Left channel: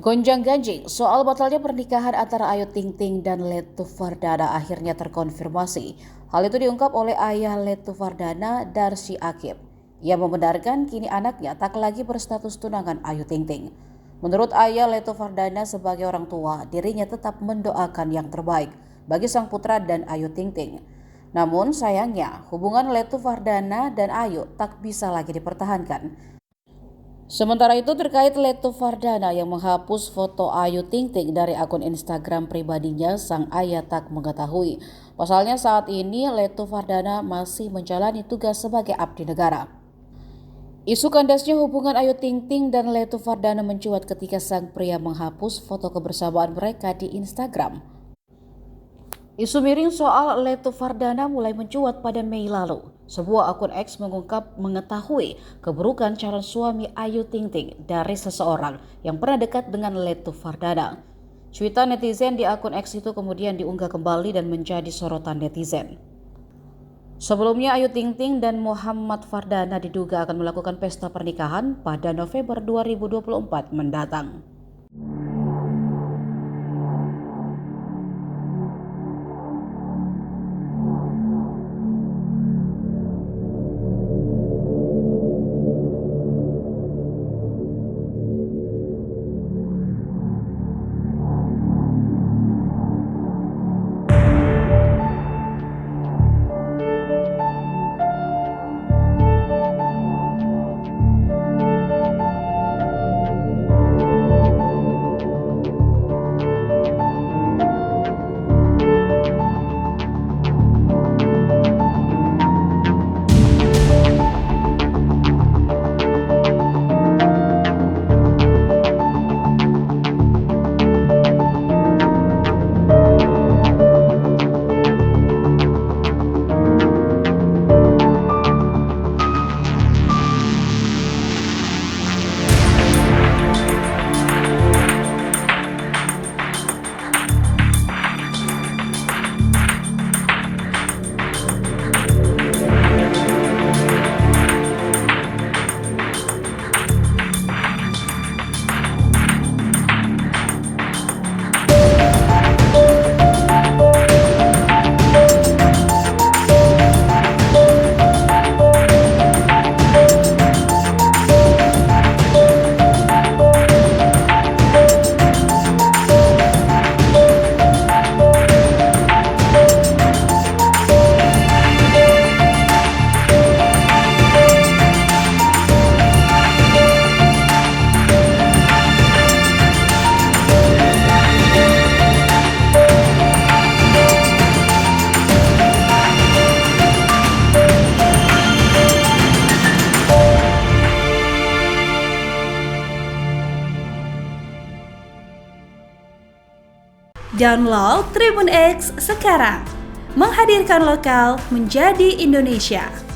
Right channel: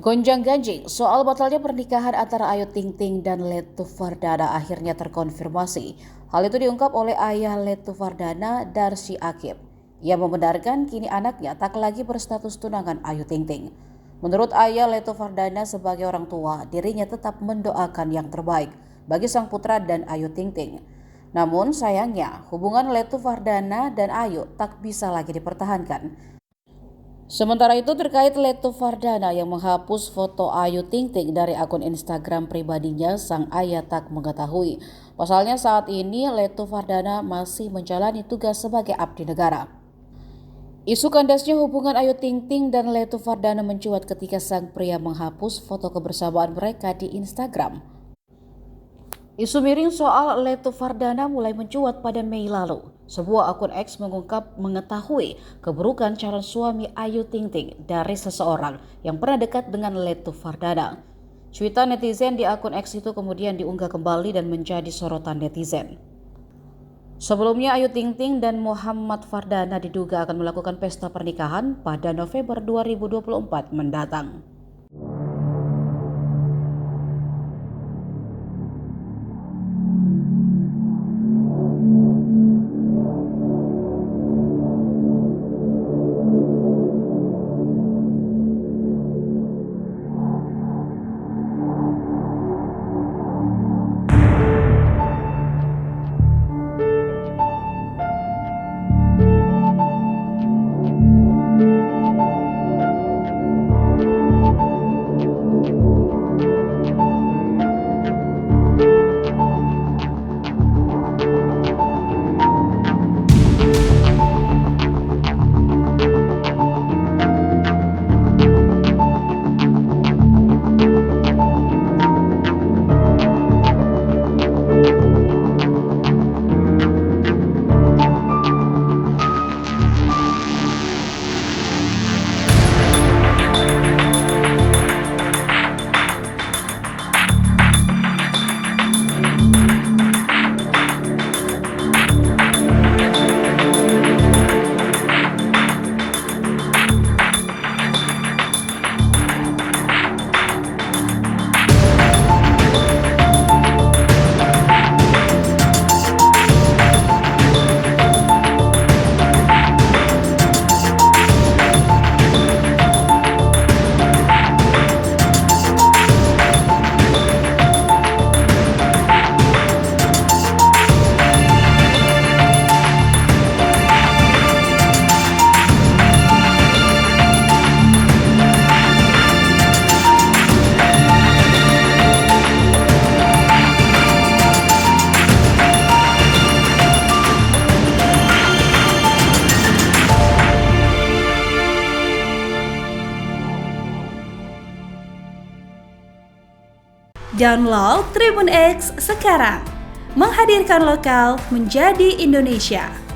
Gonjang-ganjing soal batalnya pernikahan antara Ayu Ting Ting dan Letu Fardana akhirnya terkonfirmasi. Hal itu diungkap oleh ayah Letu Fardana, Darsi Akib. Ia membenarkan kini anaknya tak lagi berstatus tunangan Ayu Ting Ting. Menurut ayah Letu Fardana sebagai orang tua, dirinya tetap mendoakan yang terbaik bagi sang putra dan Ayu Ting Ting. Namun sayangnya hubungan Letu Fardana dan Ayu tak bisa lagi dipertahankan. Sementara itu terkait Letu Fardana yang menghapus foto Ayu Ting Ting dari akun Instagram pribadinya, sang ayah tak mengetahui. Pasalnya saat ini Letu Fardana masih menjalani tugas sebagai abdi negara. Isu kandasnya hubungan Ayu Ting Ting dan Letu Fardana mencuat ketika sang pria menghapus foto kebersamaan mereka di Instagram. Isu miring soal Letu Fardana mulai mencuat pada Mei lalu. Sebuah akun X mengungkap mengetahui keburukan calon suami Ayu Ting Ting dari seseorang yang pernah dekat dengan Letu Fardana. Cuitan netizen di akun X itu kemudian diunggah kembali dan menjadi sorotan netizen. Sebelumnya Ayu Ting Ting dan Muhammad Fardana diduga akan melakukan pesta pernikahan pada November 2024 mendatang. Download Tribun X sekarang, menghadirkan lokal menjadi Indonesia.